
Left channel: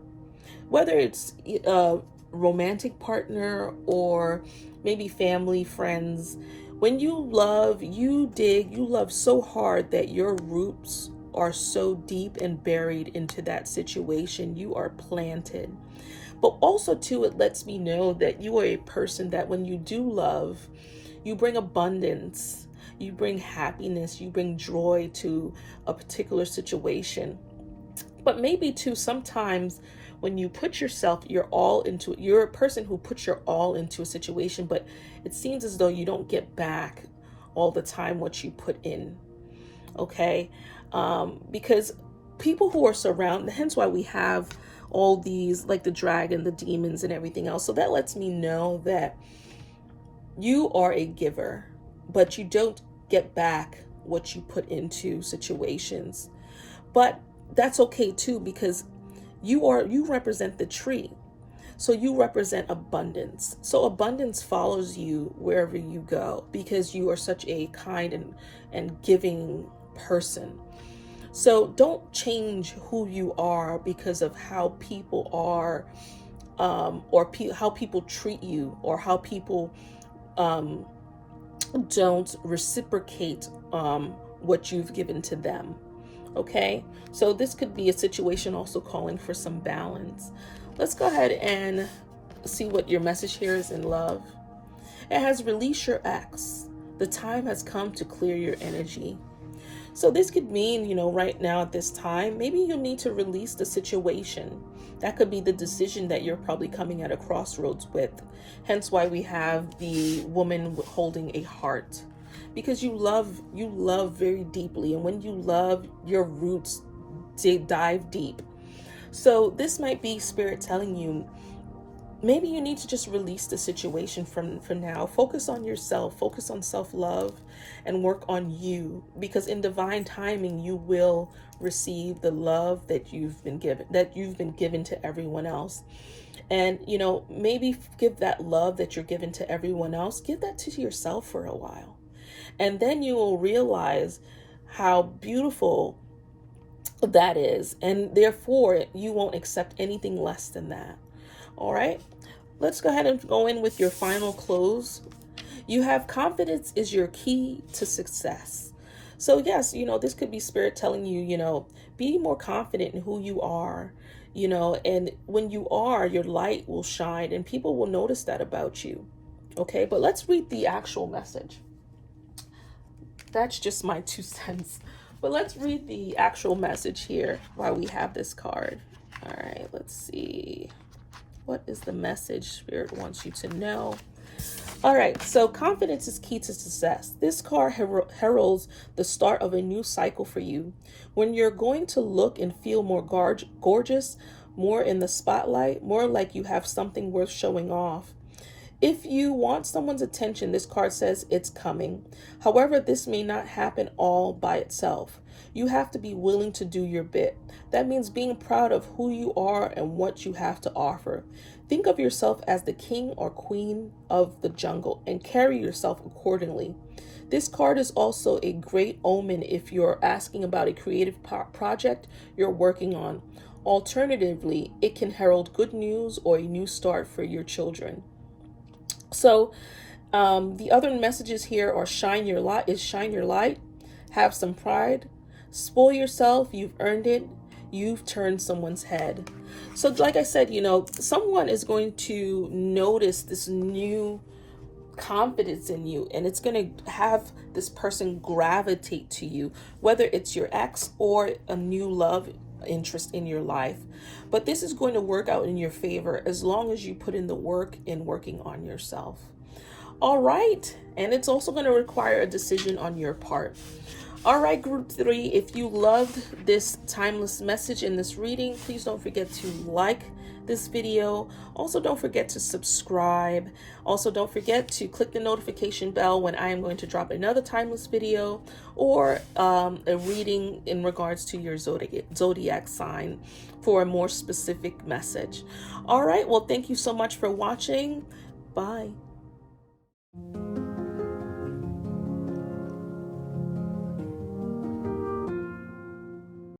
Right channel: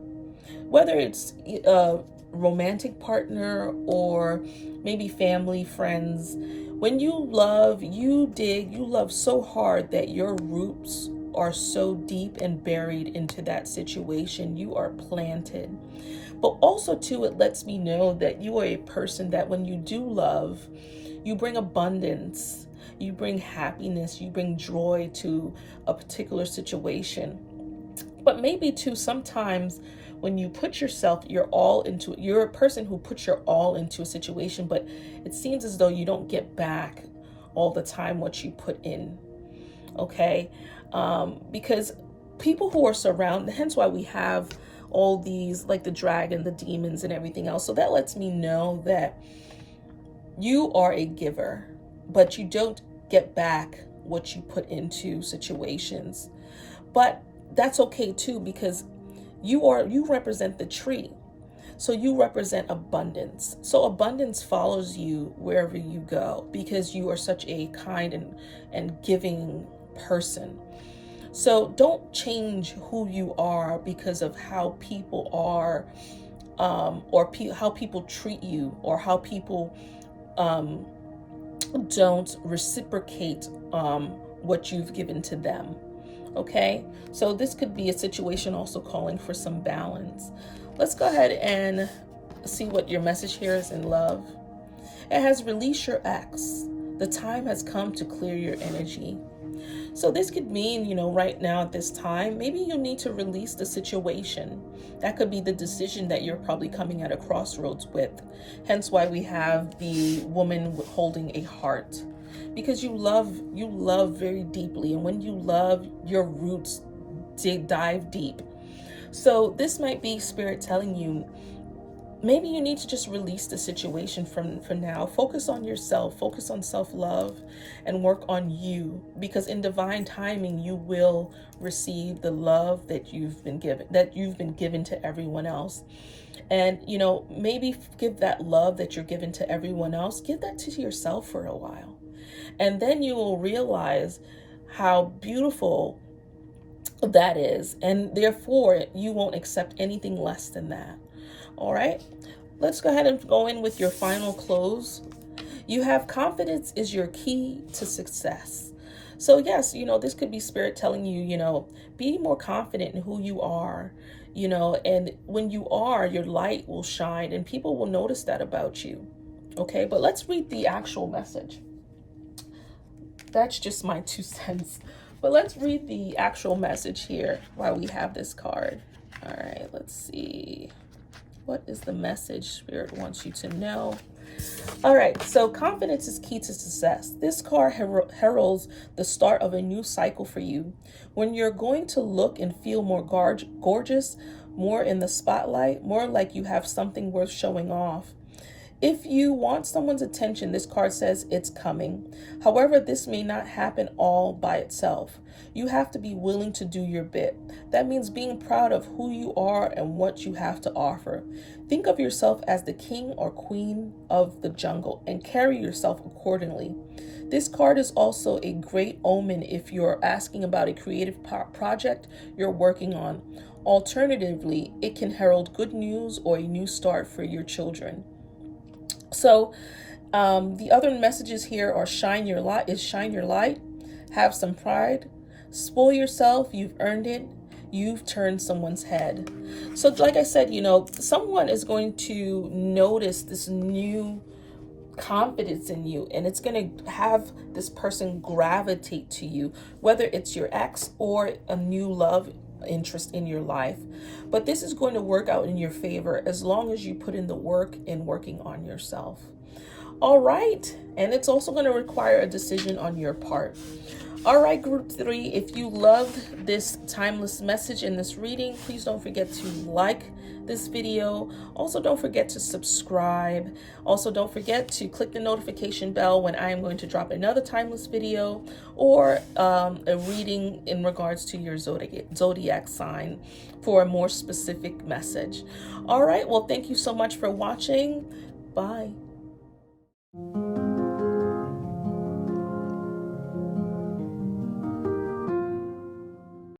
Whether it's a romantic partner or maybe family, friends. When you love, you dig, you love so hard that your roots are so deep and buried into that situation. You are planted. But also, too, it lets me know that you are a person that when you do love, you bring abundance, you bring happiness, you bring joy to a particular situation. But maybe, too, sometimes when you put yourself, you're a person who puts your all into a situation, but it seems as though you don't get back all the time what you put in. Okay? Because people who are surrounded, hence why we have all these, like the dragon, the demons, and everything else. So that lets me know that you are a giver, but you don't get back what you put into situations. But that's okay too, because you represent the tree. So you represent abundance. So abundance follows you wherever you go because you are such a kind and giving person. So don't change who you are because of how people are, or how people treat you, or how people don't reciprocate what you've given to them. Okay, so this could be a situation also calling for some balance. Let's go ahead and see what your message here is in love. It has release your ex. The time has come to clear your energy. So this could mean, right now at this time, maybe you need to release the situation. That could be the decision that you're probably coming at a crossroads with. Hence why we have the woman holding a heart. Because you love very deeply. And when you love, your roots dive deep. So this might be spirit telling you, maybe you need to just release the situation for now. Focus on yourself, focus on self-love, and work on you, because in divine timing you will receive the love that you've been given to everyone else. And maybe give that love that you're given to everyone else, give that to yourself for a while. And then you will realize how beautiful that is, and therefore you won't accept anything less than that. All right, let's go ahead and go in with your final close. You have confidence is your key to success. So yes, this could be spirit telling you, be more confident in who you are, and when you are, your light will shine and people will notice that about you. Okay, but let's read the actual message. That's just my 2 cents. But let's read the actual message here while we have this card. All right, let's see. What is the message Spirit wants you to know? All right, so confidence is key to success. This card heralds the start of a new cycle for you. When you're going to look and feel more gorgeous, more in the spotlight, more like you have something worth showing off. If you want someone's attention, this card says it's coming. However, this may not happen all by itself. You have to be willing to do your bit. That means being proud of who you are and what you have to offer. Think of yourself as the king or queen of the jungle and carry yourself accordingly. This card is also a great omen if you're asking about a creative project you're working on. Alternatively, it can herald good news or a new start for your children. So the other messages here are shine your light, have some pride, spoil yourself, you've earned it, you've turned someone's head. So like I said, someone is going to notice this new confidence in you, and it's going to have this person gravitate to you, whether it's your ex or a new love interest in your life. But this is going to work out in your favor as long as you put in the work in working on yourself. All right, and it's also going to require a decision on your part. All right, group 3, if you loved this timeless message in this reading, please don't forget to like this video. Also, don't forget to subscribe. Also, don't forget to click the notification bell when I am going to drop another timeless video or a reading in regards to your zodiac sign for a more specific message. All right, well, thank you so much for watching. Bye.